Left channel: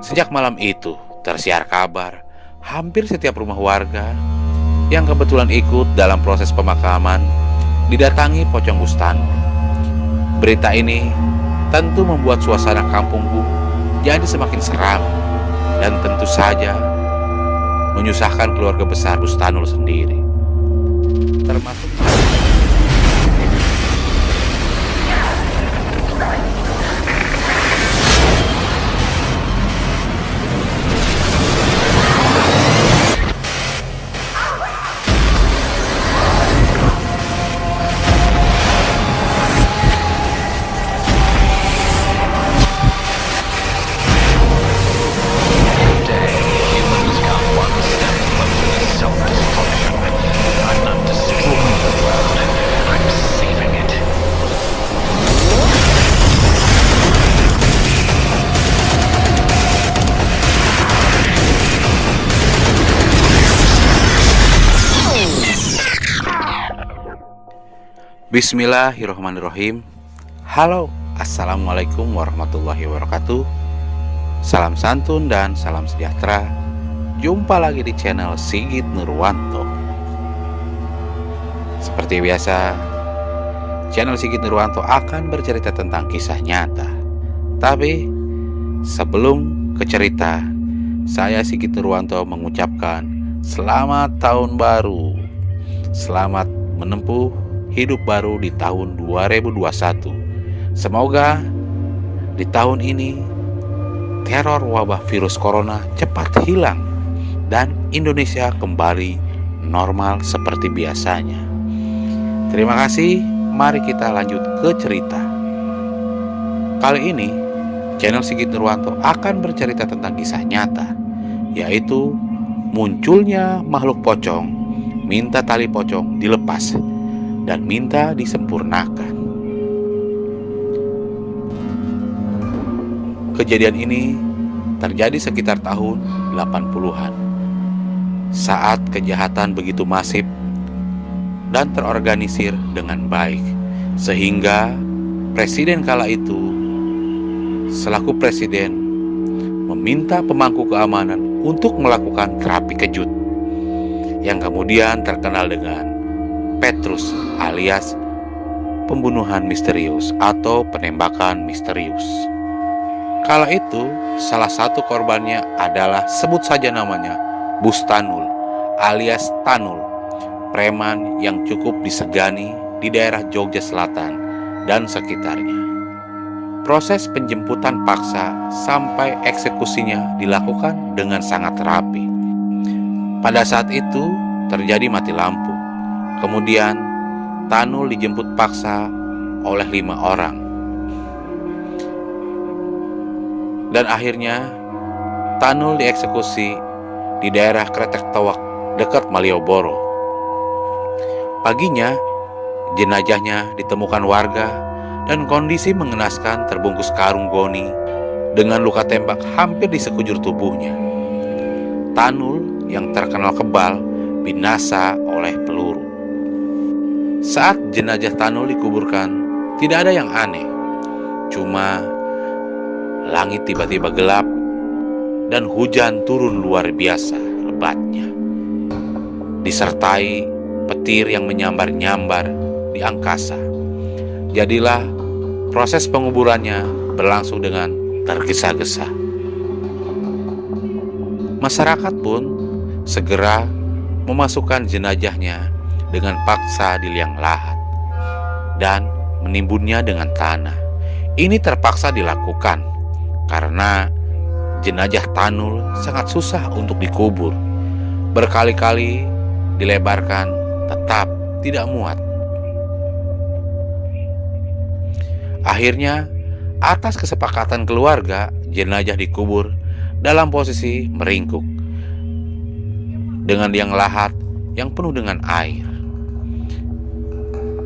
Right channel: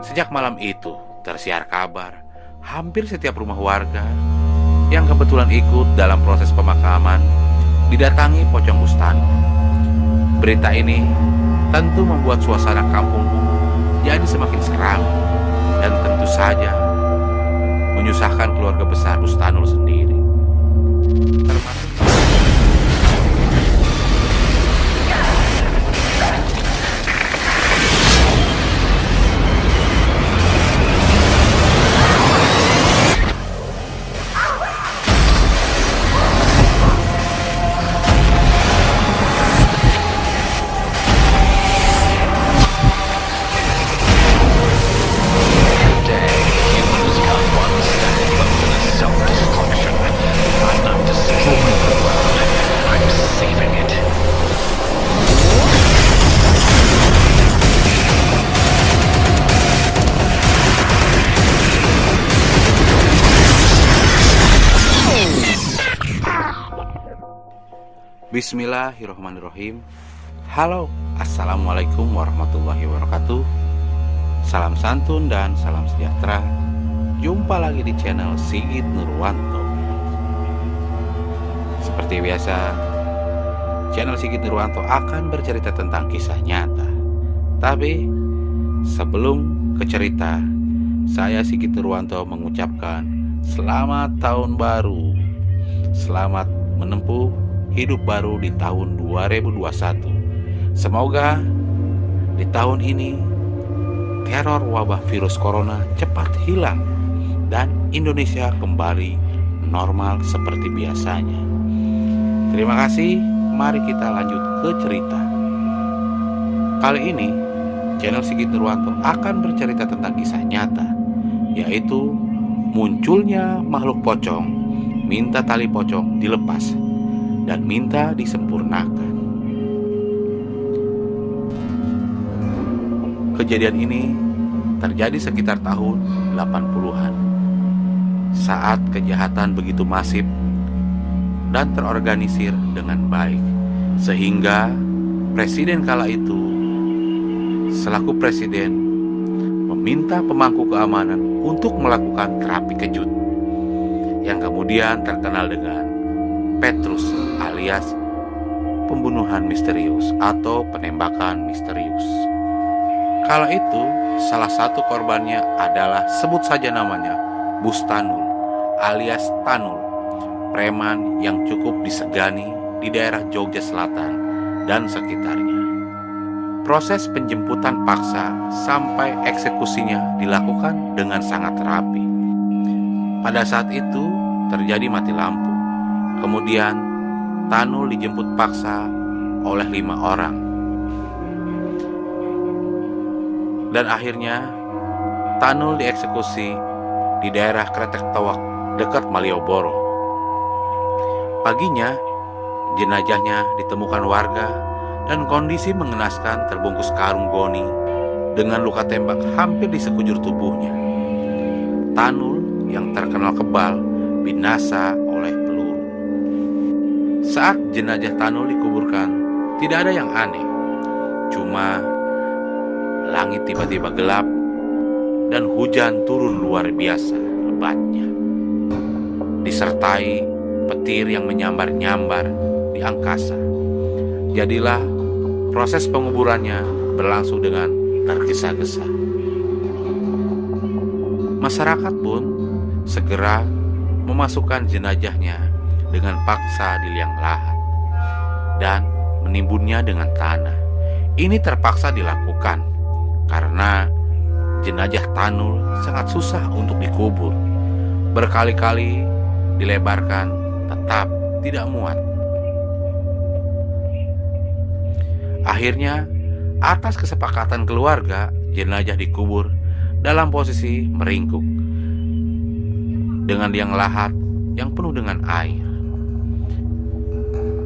Sejak malam itu tersiar kabar hampir setiap rumah warga yang kebetulan ikut dalam proses pemakaman didatangi pocong Bustanul. Berita ini tentu membuat suasana kampungku jadi semakin seram dan tentu saja menyusahkan keluarga besar Bustanul sendiri, termasuk Bismillahirrahmanirrahim. Halo, assalamualaikum warahmatullahi wabarakatuh. Salam santun dan salam sejahtera. Jumpa lagi di channel Sigit Nurwanto. Seperti biasa, channel Sigit Nurwanto akan bercerita tentang kisah nyata. Tapi sebelum ke cerita, saya Sigit Nurwanto mengucapkan selamat tahun baru. Selamat menempuh hidup baru di tahun 2021. Semoga di tahun ini teror wabah virus corona cepat hilang dan Indonesia kembali normal seperti biasanya. Terima kasih, mari kita lanjut ke cerita. Kali ini channel Sigit Nurwanto akan bercerita tentang kisah nyata, yaitu munculnya makhluk pocong minta tali pocong dilepas dan minta disempurnakan. Kejadian ini terjadi sekitar tahun 80-an, saat kejahatan begitu masif dan terorganisir dengan baik, sehingga presiden kala itu selaku presiden meminta pemangku keamanan untuk melakukan terapi kejut yang kemudian terkenal dengan Petrus alias pembunuhan misterius atau penembakan misterius. Kala itu salah satu korbannya adalah, sebut saja namanya, Bustanul alias Tanul, preman yang cukup disegani di daerah Jogja Selatan dan sekitarnya. Proses penjemputan paksa sampai eksekusinya dilakukan dengan sangat rapi. Pada saat itu terjadi mati lampu. Kemudian Tanul dijemput paksa oleh 5 orang. Dan akhirnya Tanul dieksekusi di daerah Kretek Tawak dekat Malioboro. Paginya jenazahnya ditemukan warga dan kondisi mengenaskan, terbungkus karung goni dengan luka tembak hampir di sekujur tubuhnya. Tanul yang terkenal kebal binasa oleh peluru. Saat jenazah Tanul dikuburkan, tidak ada yang aneh. Cuma langit tiba-tiba gelap dan hujan turun luar biasa lebatnya, disertai petir yang menyambar-nyambar di angkasa. Jadilah proses penguburannya berlangsung dengan tergesa-gesa. Masyarakat pun segera memasukkan jenazahnya dengan paksa di liang lahat dan menimbunnya dengan tanah. Ini terpaksa dilakukan karena jenazah Tanul sangat susah untuk dikubur. Berkali-kali dilebarkan, tetap tidak muat. Akhirnya, atas kesepakatan keluarga, jenazah dikubur dalam posisi meringkuk dengan liang lahat yang penuh dengan air.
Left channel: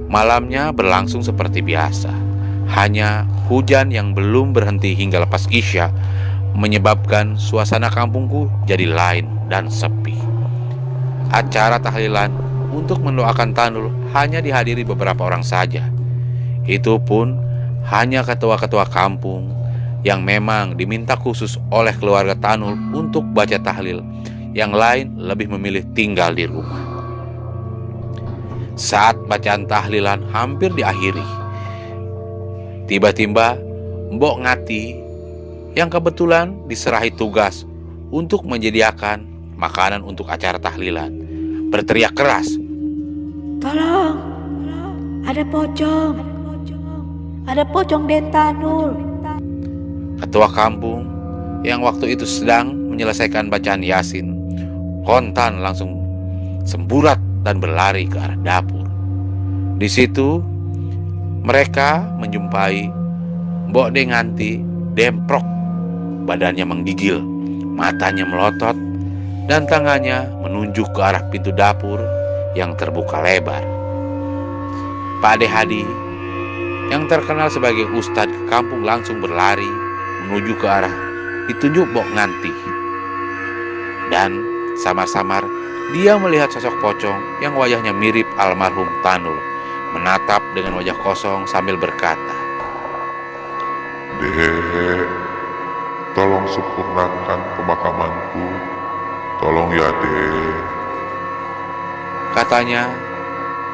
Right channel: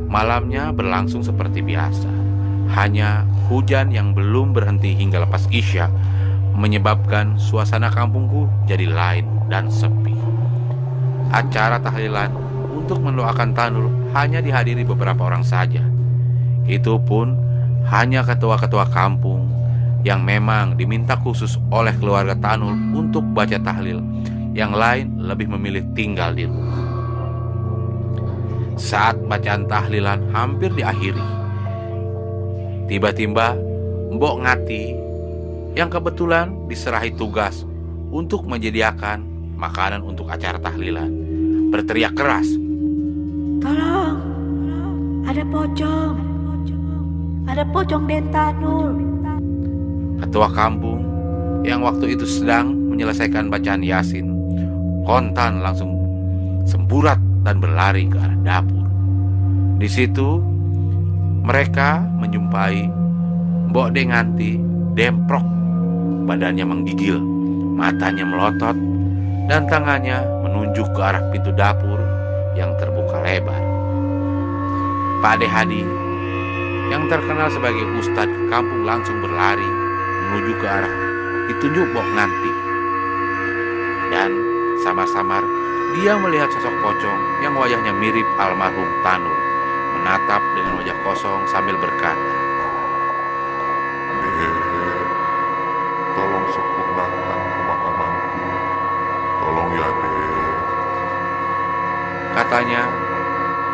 Malamnya berlangsung seperti biasa. Hanya hujan yang belum berhenti hingga lepas Isya menyebabkan suasana kampungku jadi lain dan sepi. Acara tahlilan untuk mendoakan Tanul hanya dihadiri beberapa orang saja. Itu pun hanya ketua-ketua kampung yang memang diminta khusus oleh keluarga Tanul untuk baca tahlil. Yang lain lebih memilih tinggal di rumah. Saat bacaan tahlilan hampir diakhiri, tiba-tiba Mbok Ngati yang kebetulan diserahi tugas untuk menyediakan makanan untuk acara tahlilan berteriak keras, Tolong, ada pocong Den Tanul. Ketua kampung yang waktu itu sedang menyelesaikan bacaan Yasin kontan langsung semburat dan berlari ke arah dapur. Di situ mereka menjumpai Mbok Denganti demprok, badannya menggigil, matanya melotot, dan tangannya menunjuk ke arah pintu dapur yang terbuka lebar. Pak Ade Hadi yang terkenal sebagai ustadz kampung langsung berlari menuju ke arah ditunjuk Mbok Nganti. Dan samar-samar dia melihat sosok pocong yang wajahnya mirip almarhum Tanul menatap dengan wajah kosong sambil berkata, Dek, tolong sempurnakan pemakamanku. Tolong ya, Dek. Katanya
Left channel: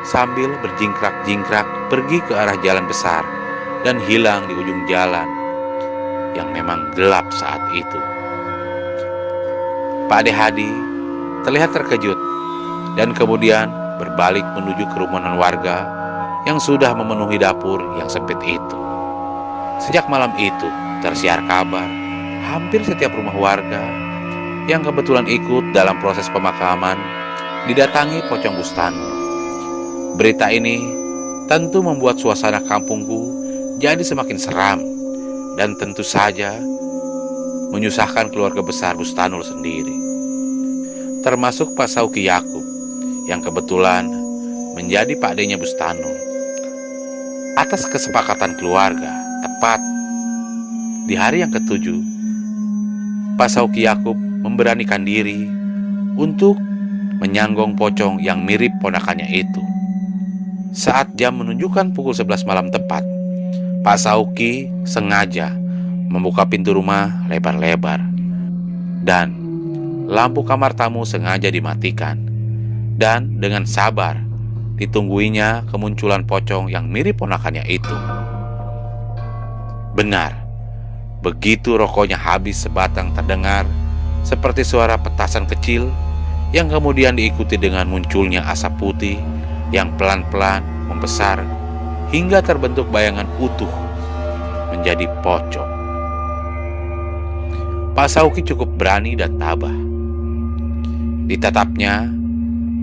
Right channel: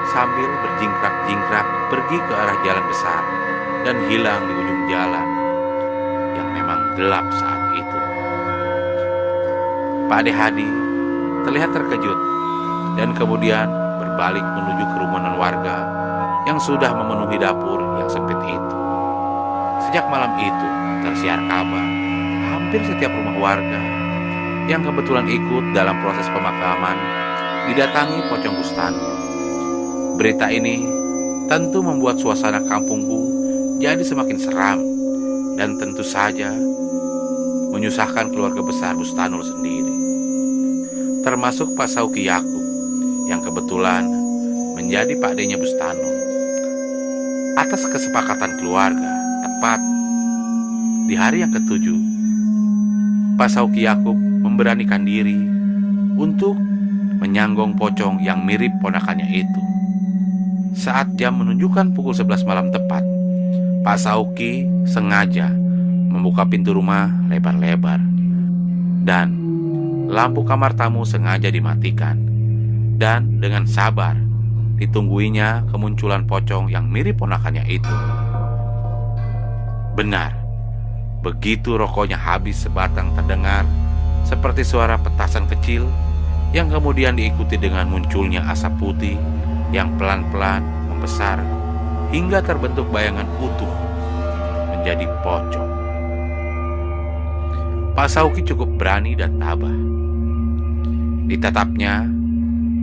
sambil berjingkrak-jingkrak pergi ke arah jalan besar dan hilang di ujung jalan yang memang gelap saat itu. Pak Ade Hadi terlihat terkejut dan kemudian berbalik menuju kerumunan warga yang sudah memenuhi dapur yang sempit itu. Sejak malam itu tersiar kabar hampir setiap rumah warga yang kebetulan ikut dalam proses pemakaman didatangi pocong Gustanul. Berita ini tentu membuat suasana kampungku jadi semakin seram dan tentu saja menyusahkan keluarga besar Bustanul sendiri, termasuk Pak Sauki Yakub yang kebetulan menjadi Pak D-nya Bustanul. Atas kesepakatan keluarga, tepat di hari yang ketujuh, Pak Sauki Yakub memberanikan diri untuk menyanggong pocong yang mirip ponakannya itu. Saat jam menunjukkan pukul 11 malam tepat, Pak Sauki sengaja membuka pintu rumah lebar-lebar dan lampu kamar tamu sengaja dimatikan, dan dengan sabar ditungguinya kemunculan pocong yang mirip ponakannya itu. Benar, begitu rokoknya habis sebatang terdengar seperti suara petasan kecil yang kemudian diikuti dengan munculnya asap putih yang pelan-pelan membesar hingga terbentuk bayangan utuh menjadi pocong. Pak Sauki cukup berani dan tabah. Ditatapnya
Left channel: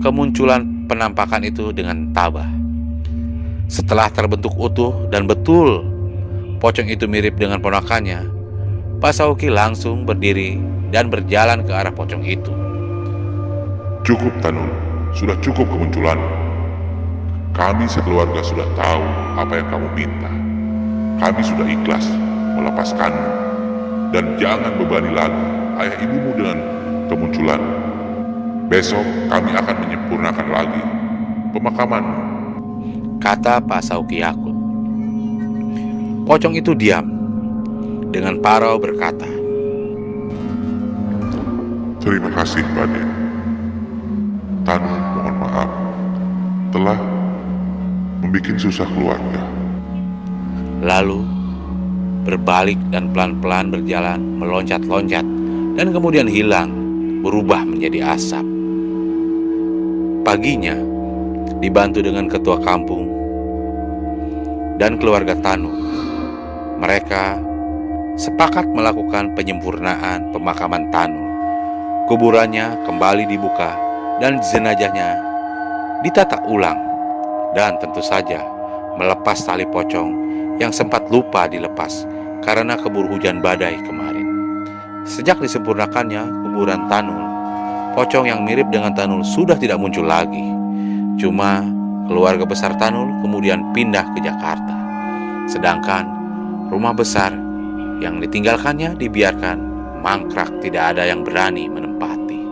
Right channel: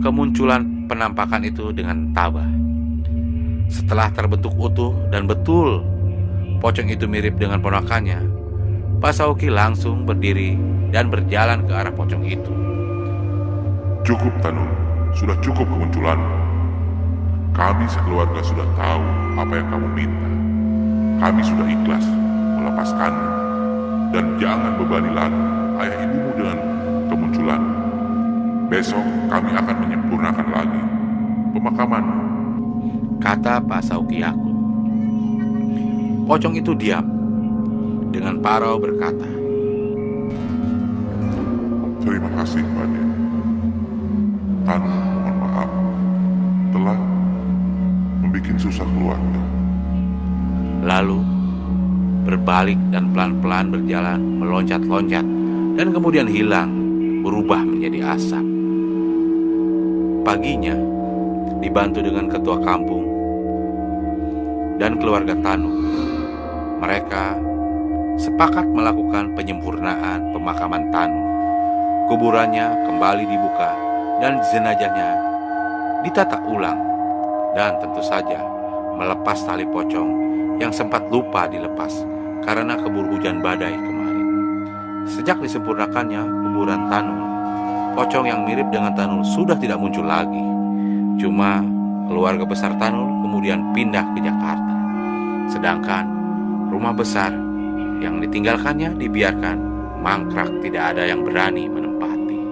kemunculan penampakan itu dengan tabah. Setelah terbentuk utuh dan betul pocong itu mirip dengan ponakannya, Pak Sauki langsung berdiri dan berjalan ke arah pocong itu. Cukup, Tanul. Sudah cukup kemunculan. Kami sekeluarga sudah tahu apa yang kamu minta. Kami sudah ikhlas melepaskanmu. Dan jangan bebani lagi ayah ibumu dengan kemunculan. Besok kami akan menyempurnakan lagi pemakamanmu, kata Pak Sauki Yakut. Pocong itu diam dengan parau berkata, Terima kasih, Pak De. Tanul mohon maaf telah membuat susah keluarga. Lalu berbalik dan pelan-pelan berjalan meloncat-loncat dan kemudian hilang, berubah menjadi asap. Paginya dibantu dengan ketua kampung dan keluarga Tanu, mereka sepakat melakukan penyempurnaan pemakaman Tanul. Kuburannya kembali dibuka dan jenazahnya ditata ulang, dan tentu saja melepas tali pocong yang sempat lupa dilepas karena keburu hujan badai kemarin. Sejak disempurnakannya kuburan Tanul, pocong yang mirip dengan Tanul sudah tidak muncul lagi. Cuma keluarga besar Tanul kemudian pindah ke Jakarta. Sedangkan rumah besar yang ditinggalkannya dibiarkan mangkrak, tidak ada yang berani menempati.